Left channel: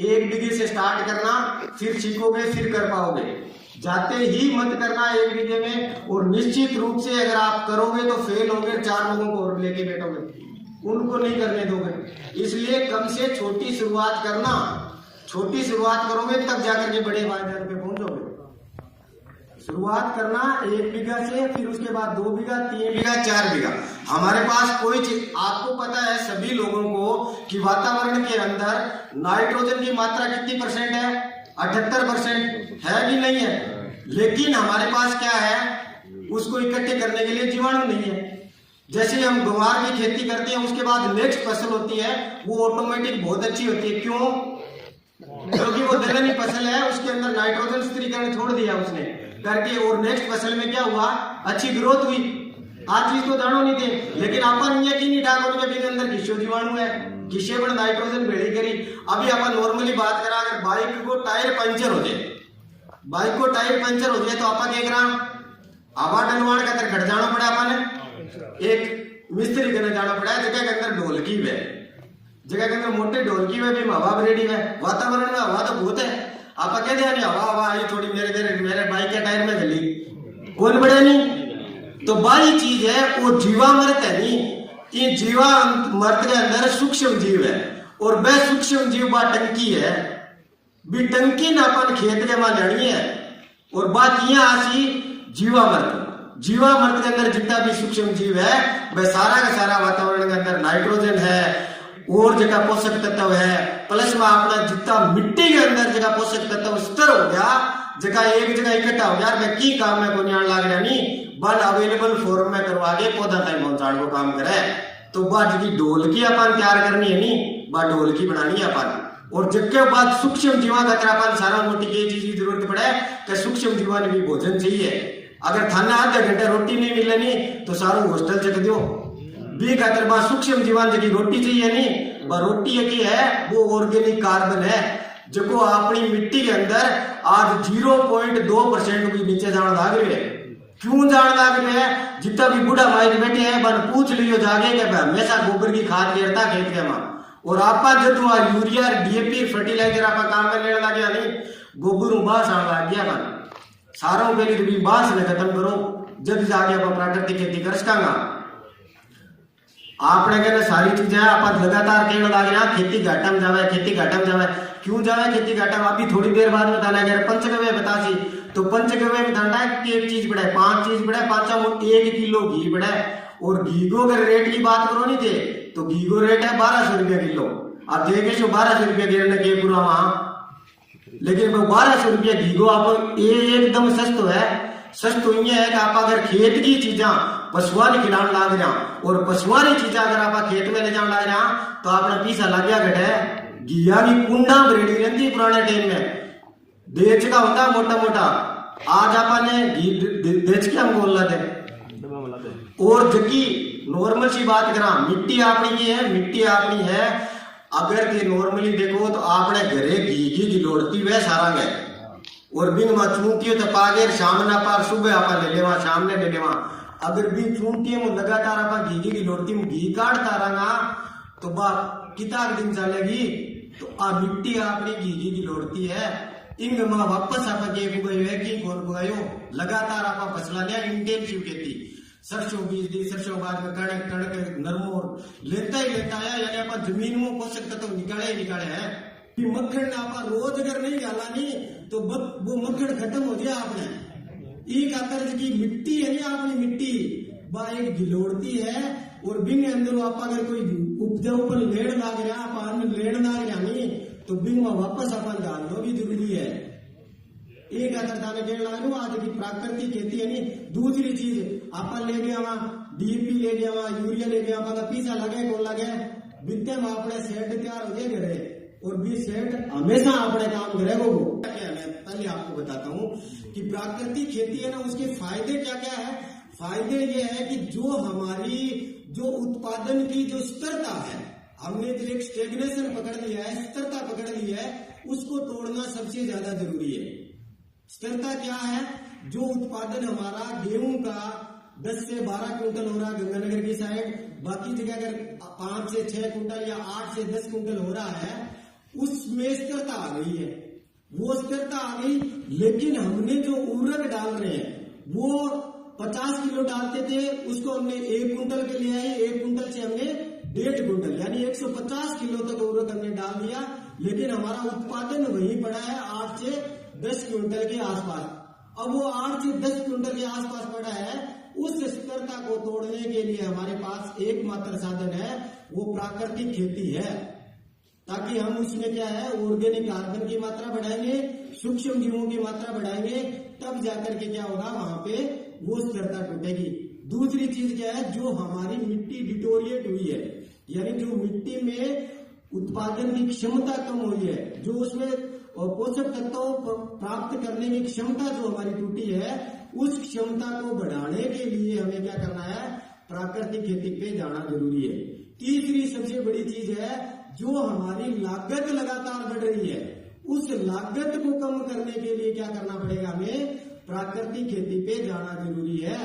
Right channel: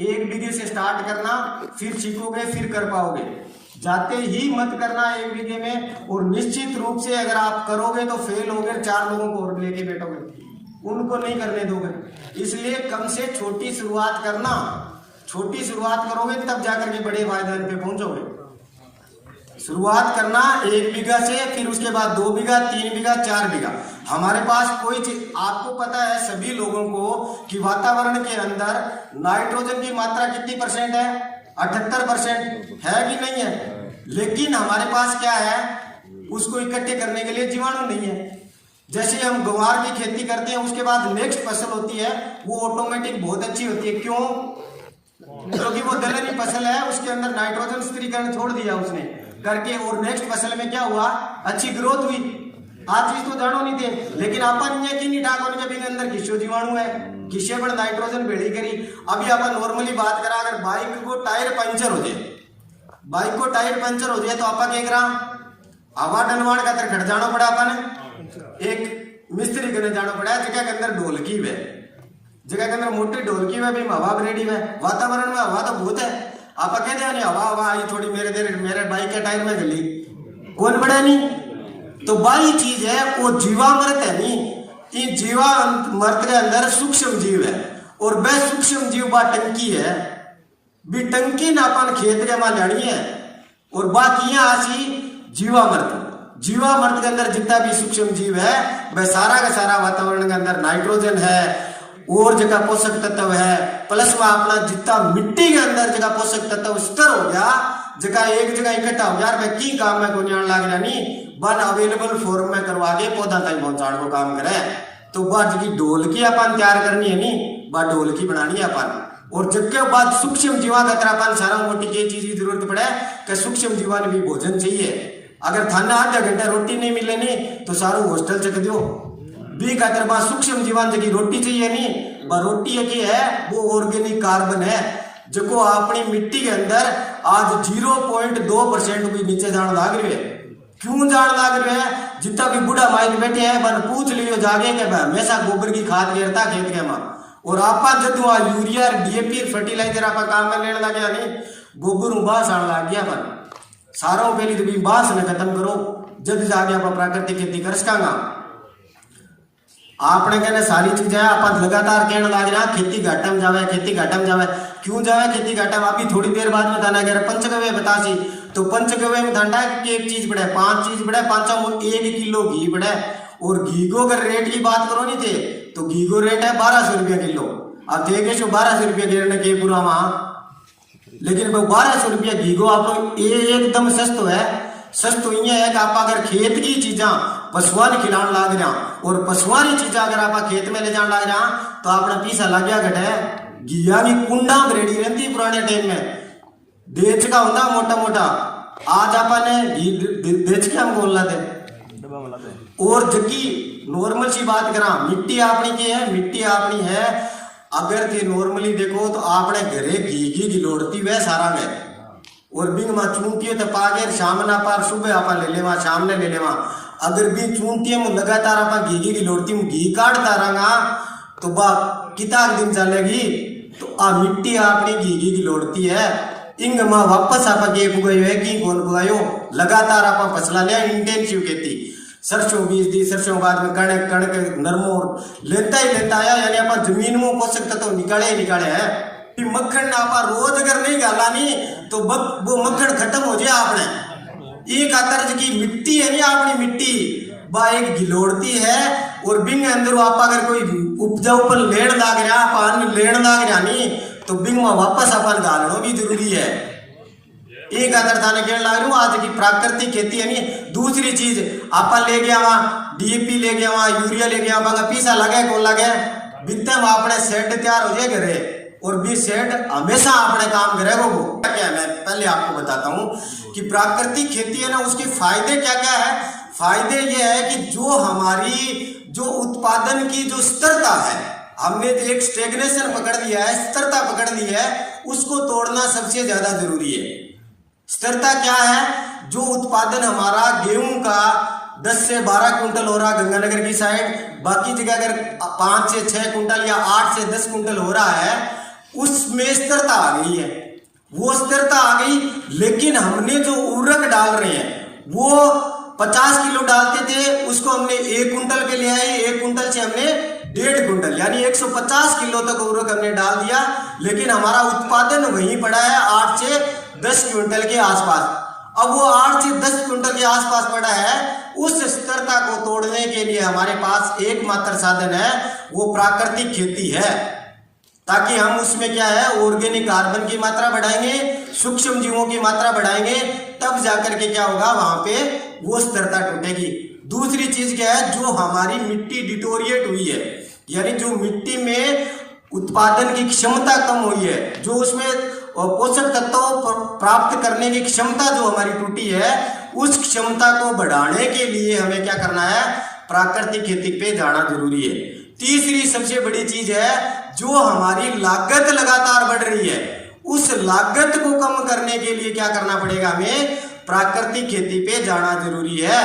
एक बीघे से स्टार्ट करना, फिर सीखोगे फिर कर पाओगे। जाते ही मत करना एक बीघे में, और निश्चित रूप से अगर आप करोगे तो फेल होगे, 4 लोगों को और लेके बैठोगे, उनको नहीं करने दोगे। इसलिए कम से छोटी शुरुआत करना, छोटी शुरुआत करोगे तब जाकर के बड़े मैदान पे पहुंचोगे। शुरुआत करना 1 बीघा से, फिर उसके बाद 2 बीघा, 3 बीघा, 4 बीघा। हमारे पास कोई चीज, आपको पता है सभी लोगों को कि वातावरण के अंदर नाइट्रोजन की मात्रा कितनी परसेंट है? 78% है कि नहीं है? लेकिन हमारे पास क्या है, उसको इकट्ठे करने के लिए जीवाणु नहीं है। जैसे हम ग्वार की खेती करते हैं, उसके बाद नेक्स्ट फसल होती है, वो ऑटोमेटिक बहुत अच्छी होती है। क्यों? क्योंकि वो दलहनी फसल है, उसके अंदर नाइट्रोजन स्थिरीकरण छोड़ दिया उसने करके, और नेक्स्ट फसल में क्या हुआ, अच्छी ग्रोथ हुई। आज चीज तो जानो नहीं थे, लेकिन अपन ये की नहीं ठाको जब इनके अंदर किस्सो जीवाणु है, किस्से पर नाइट्रोजन भेड़ी करी। अभी अपन नॉर्मली बात करा, अगर बाइक को टायर पंचर हो जाए, बाइक को टायर पंचर हो जाए तो अपन क्या करा, हवा डलवाण का खट जाना पड़ा, अपन एक मिस्त्री करने जाना पड़ा है, जगह के अंदर ढोलकी है, जगह के अंदर मोटे ढोलकी है, भी हवा रेडी है। वातावरण में हवा तो बहुत है, आप कह दिया हवा हवा आई थोड़ी मेरे बाइक के टायर में गली, कौन बड़ा नहीं। तो बाई चीज है वो जीवामृत है नहीं, कि जीवामृत के अंदर सूक्ष्म जीव है, और वह सूक्ष्म जीव बा टंकी है, भी टंकी ना अपन खेत के वहां जानी है, और बाकी आसी जीवामृत। जीवामृत के अंदर जितना भी सूक्ष्म जीव है वह सारा का सारा वातावरण के अंदर नाइट्रोजन है, और जगह पोषक तत्व है, प्लस में अपना जितना मिट्टी के अंदर जगह पोषक तत्व स्तर हो गया, जगह एक जगह इकट्ठा हो गया, वह की काम में को ध्यान लाग रहा नहीं, बन अवेलेबल फॉर्म में करवा के पौधा तक पहुंचाने को काम करे। तो बात की ढोलकी अपन तैयार करनी है नहीं, बात ढोलकी बनानी है अपन। और जबकि बात सूक्ष्म जीवा का तरह सारा मोटी की चीज की जरूरत पड़े कि सूक्ष्म जीवा ने भी भोजन चाहिए। अगर थाना आधा घंटा रोटी नहीं मिले नहीं तो सारू हॉस्टल चक दो भी खातर बा सूक्ष्म जीवान जगी रोटी चाहिए नहीं, बा रोटी है वो ऑर्गेनिक कार्बन है, जो अपनी मिट्टी के अंदर आज 0.2% भी नीचे जाना लाग रहे है। क्यों जान लाग रहे हैं? जितना भी बूढ़ा माइक बैठे हैं बन पूछ लियो जागे के हमेशा गोबर की खाद गिरता खेत के मां, और आपा जब यूरिया डीएपी फर्टिलाइजर आपा काम में लेने लगे नहीं, गोबर बांस आने लग गया बन सारों के लिए तो भी बांस ने खत्म करो, जब जाके आप प्राकृतिक खेती कर सकांगा। आपने कहना सारी चीजें आप लगातार कहने लग रहा खेती घाटा में जावे, खेती घाटा में जावे। क्यों जावे खेती घाटा में? अभी थोड़ी देर बाद बताना कह रहे पंचगव्य बतासी, तो पंचगव्य में धंधा की एक चीज बढ़े, 5 चीज बढ़े, 1 किलो घी बढ़े, और घी को अगर रेट की बात करो नहीं थे तो घी को रेट है 1200 रुपया किलो। अब देखे 1200 रुपया गिरने के पूरा वहां, लेकिन वो 1200 रुपया घी को आप एकदम सस्तो है। सस्तो ये है कि आप अगर खेत की चीजा पशुआ ने खिलाने लग रहा, और पशुआ की चीजा अगर आप खेत में ले जाने लग रहा तो अपना पीसा लग गया घटे। घिया की कुंडा रेडी रहती पुराने टाइम में, देच का होता मोटा मोटा, आज आपने घी देच के हम बोल रहे थे। और जबकि नॉर्मल सी बात करा, मिट्टी अपनी की है, मिट्टी अपनी है। अगर के नॉर्मली देखो तो आपने घरे घी की गिलोड़ती वह सारा गए, और बिंग में चूंटी तो पागे शाम ना पार सुबह आप ले लेवा, शाम ने ले लेवा। अगर भी चूंटी में लगातार आप घी की गिलोड़ती में घी काटता रहा तो बा कितना दिन चलेगी। तो आ मिट्टी अपनी घी की गिलोड़ती है, इंग में वापस आप पुगायो है कि कौन पुगायो, लगातार आप फसला लिया इंटेंसिव खेती। सरसों बीज दी, सरसों बाद में कणक कणक नरमो लेता ही लेता आया, यानी आप जमीन में पोषक तत्व निकाले ही निकाले है। मक्खन आप रोज अगर नहीं गाला नहीं तो वो मक्खन खत्म हो जाए। आपने एक आतर्ज की मिट्टी है नहीं, अपनी मिट्टी बा एक गिलोड़ती है, और बिंग अंदर आप अगर कोई उपजाऊ पर लेन लाग रहा, पान लेन लाग रहा नहीं तो बिंग में वापस अपन गालना भी जरूरी है। एक आदर थाने कहने लग रहा आज की प्राकृतिक खेती है नहीं। दूसरी चीज आप ले गया वहां डीएपी ले गया, वहां यूरिया ले गया, वहां पीसा लगे कौन लगे बिकते में अपने सेट तैयार हो जाए घरे, और भी सेट हमेशा अपने काम करेगा। वो क्या है मैं पहले आपको बताता हूँ कि प्राकृतिक खेती है ना, उसके फायदे क्या क्या है। फायदे ये है कि जो हमारी जो उत्पादन की जो स्थिरता है, हमने एक स्टेग्नेशन पकड़ लिया है, स्थिरता पकड़ ली है, उसको तोड़ना सबसे ज्यादा जरूरी है। स्थिरता क्या है? जो उत्पादन हमारा गेहूं का 10 से 12 कुंटल हो रहा गंगानगर की साइड, बाकी जगह अगर 5 से 6 कुंटल या 8 से 10 कुंटल हो रहा है, उसमें स्थिरता आ गई है, वो स्थिरता आ गई। लेकिन हमने जो उर्वरक डाल रहे हैं वो 50 किलो डालते थे, उसको हमने 1 कुंटल पे ले आए, 1 कुंटल से हमने 1.5 कुंटल यानी 150 किलो तक उर्वरक हमने डाल दिया। लेकिन हमारा उत्पादन वहीं पड़ा है 8 से 10 क्विंटल के आसपास। अब वो 8 से 10 क्विंटल के आसपास पड़ा है, उस स्थिरता को तोड़ने के लिए हमारे पास एकमात्र साधन है, वो प्राकृतिक खेती है। ताकि हम उसमें क्या है, ऑर्गेनिक कार्बन की मात्रा बढ़ाएंगे, सूक्ष्म जीवों की मात्रा बढ़ाएंगे, तब जाकर के क्या होगा, वहां पे वो स्थिरता टूटेगी। दूसरी चीज क्या है, जो हमारी मिट्टी डिटोरिएट हुई है, यानी जो मिट्टी में उत्पादन की क्षमता कम हुई है, जो उसमें पोषक तत्वों प्राप्त करने की क्षमता जो हमारी टूटी है, उस क्षमता को बढ़ाने के लिए हमें क्या करना है, प्राकृतिक खेती पे जाना जरूरी है। तीसरी सबसे बड़ी चीज है, जो हमारी लागत लगातार बढ़ रही है, उस लागत को कम करने के लिए क्या करना पड़ेगा, हमें प्राकृतिक खेती पे जाना जरूरी है।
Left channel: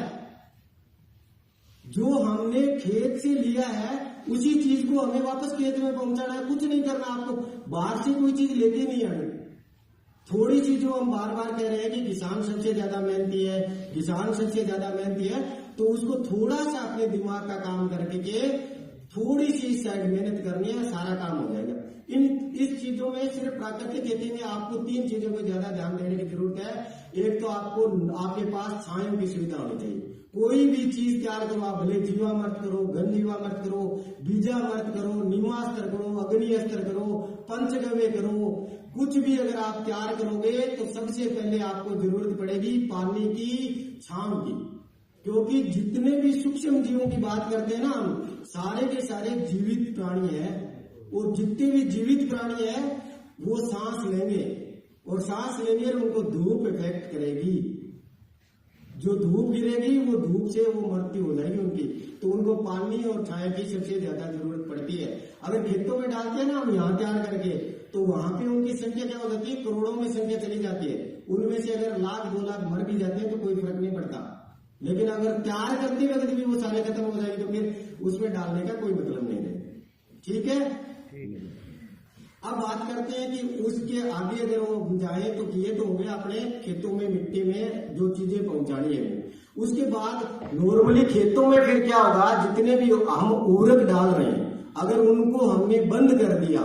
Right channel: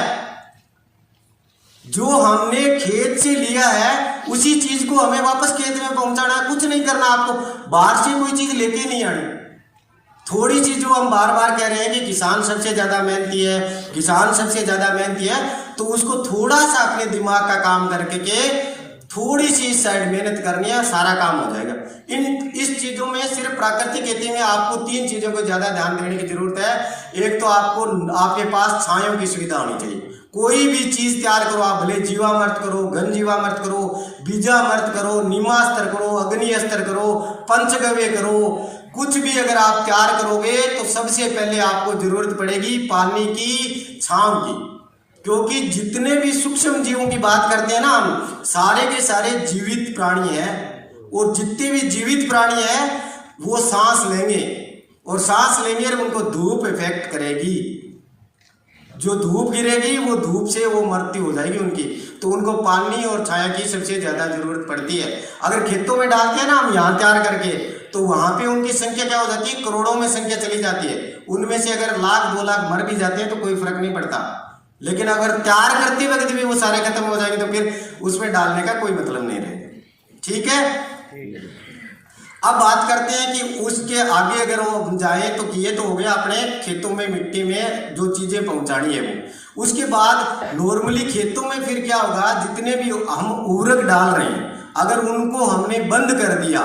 जो हमने खेत से लिया है उसी चीज को हमें वापस खेत में पहुंचाना है, कुछ नहीं करना आपको, बाहर से कोई चीज लेके नहीं आनी। थोड़ी चीज जो हम बार बार कह रहे हैं कि किसान सबसे ज्यादा मेहनती है, किसान सबसे ज्यादा मेहनती है, तो उसको थोड़ा सा अपने दिमाग का काम करके के थोड़ी सी साइड मेहनत करनी है, सारा काम हो जाएगा। इस चीजों में सिर्फ प्राकृतिक खेती में आपको 3 चीजों को ज्यादा ध्यान देने की जरूरत है। एक तो आपको आपके पास छायों की सुविधा होनी चाहिए। कोई भी चीज तैयार करो, आप भले जीवामृत करो, घन जीवामृत करो, बीजामृत करो, नीमास्त्र करो, अग्नि अस्त्र करो, पंचगव्य करो, कुछ भी अगर आप तैयार करोगे तो सबसे पहले आपको जरूरत पड़ेगी पानी की, छांव की। क्योंकि जितने भी सूक्ष्म जीवों की बात करते हैं ना हम, सारे के सारे जीवित प्राणी हैं, और जितने भी जीवित प्राणी हैं वो सांस लेंगे, और सांस लेंगे और उनको धूप इफेक्ट करेगी। जो धूप गिरेगी वो धूप से वो मृत्यु हो जाएगी उनकी, तो उनको पानी और छाया की सबसे ज्यादा जरूरत पड़ती है। अगर खेतों में डालते हैं ना हम यहाँ तैयार करके, तो वहां पे उनकी संख्या क्या हो जाती है, करोड़ों में संख्या चली जाती है। उनमें से अगर 1,00,000 2,00,000 मर भी जाते हैं तो कोई फर्क नहीं पड़ता। लेकिन अगर तैयार करते वक्त भी वो सारे खत्म हो जाएंगे तो फिर उसमें डालने का कोई मतलब नहीं रहेगा। ठीक है, अब बात करते हैं कि उसके आगे अगर वो जाए तो ये तो हो गया अपने खेतों में मिट्टी में जो चीजें पहुंचानी है वो। उसके बाद नॉर्मली खेतों में फिर क्या होगा, जितने भी हम उर्वरक डाल रहे हैं अगर उनको हमने बंद कर दिया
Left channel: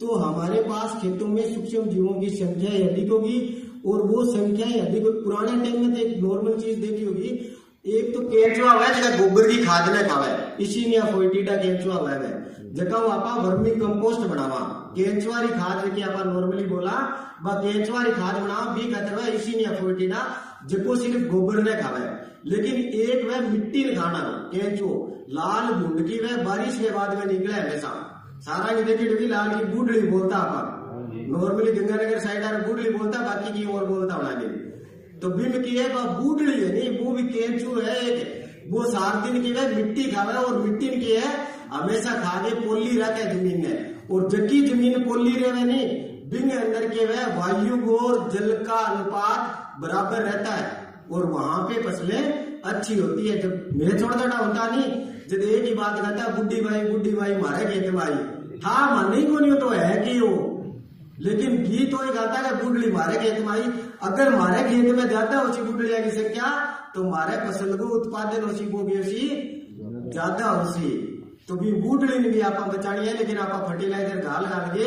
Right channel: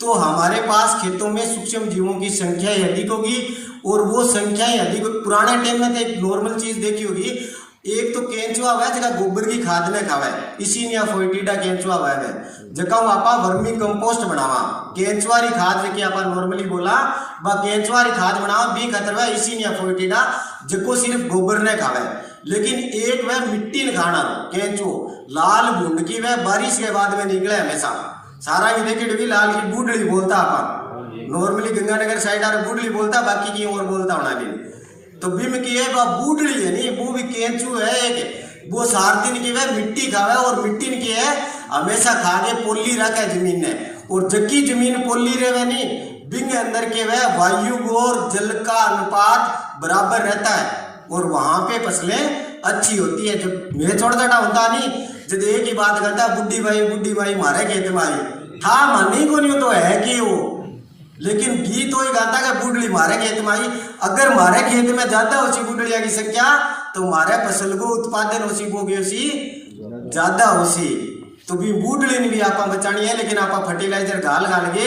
तो हमारे पास खेतों में सूक्ष्म जीवों की संख्या ही अधिक होगी, और वो संख्या ही अधिक। पुराने टाइम में तो एक नॉर्मल चीज देखी होगी, एक तो केंचुआ हुआ है जगह गोबर की खाद ने खावा है, इसी ने फोइटीडा केंचुआ हुआ है जगह आपा वर्मी कंपोस्ट बनावा, केंचुआरी खाद जैसे आपा नॉर्मली बोला बा केंचुआरी खाद बनावा बी खतरवा इसी ने फोइटीडा जको सिर्फ गोबर ने खावा है। लेकिन एक वह मिट्टी ने खाना केंचुओ लाल भूंड की वह बारिश के बाद में निकले हमेशा, सारा भी देखी लाल की बूढ़ड़ी बोलता आपा, नॉर्मली गंगानगर साइड आ बूढ़ड़ी बोलता, बाकी की और बोलता होना भी। तो बिम की है वह बूढ़ड़ी है नहीं, वो भी केंचू है एक, वो 4 दिन की वह मिट्टी खावे, और मिट्टी की है हमेशा खागे पोली रखे जमीन ने, और जबकि जमीन पोली रहे नहीं बिंग अंदर के वह वायु और जल का अनुपात बराबर रहता है, और वहां पे फसलें अच्छी होती है। जब मैं छोटा होता नहीं, जब एक ही बात करता बुढ़ी भाई मारे खेत में आई था मानी को नहीं तो है कि वो, लेकिन गीत तो गाता है बुढ़ली मारे खेत में आई। अगर मारे खेत में ज्यादा उसी बुढ़लिया की संख्या तो मारे फसल को उत्पादन उसी को ज्यादा उसी, तो भी बुढ़ली ने भी आपा बचानी है। लेकिन आपा फर्टिलाइजर घाल के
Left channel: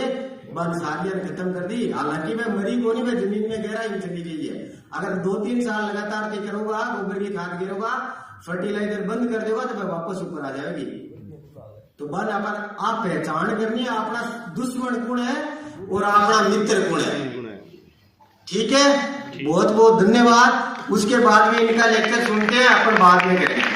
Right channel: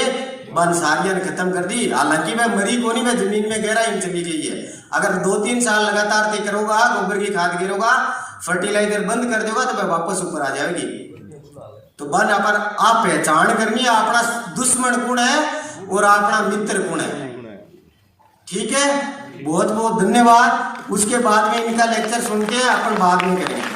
बंसारियां खत्म कर दी, हालांकि वह मरी को नहीं, वह जमीन में गहराई में चली गई है। अगर 2-3 साल लगातार ते करोगा, गोबर की खाद गिरोगा, फर्टिलाइजर बंद कर देगा तो वह वापस ऊपर आ जाएगी। तो बन पर आप पहचान करनी है अपना दुश्मन कौन है और अपना मित्र कौन है। ठीक है, बहुत बहुत धन्यवाद। उसके बाद में इनका लेक्चर सुन के अपन बाद में करेंगे।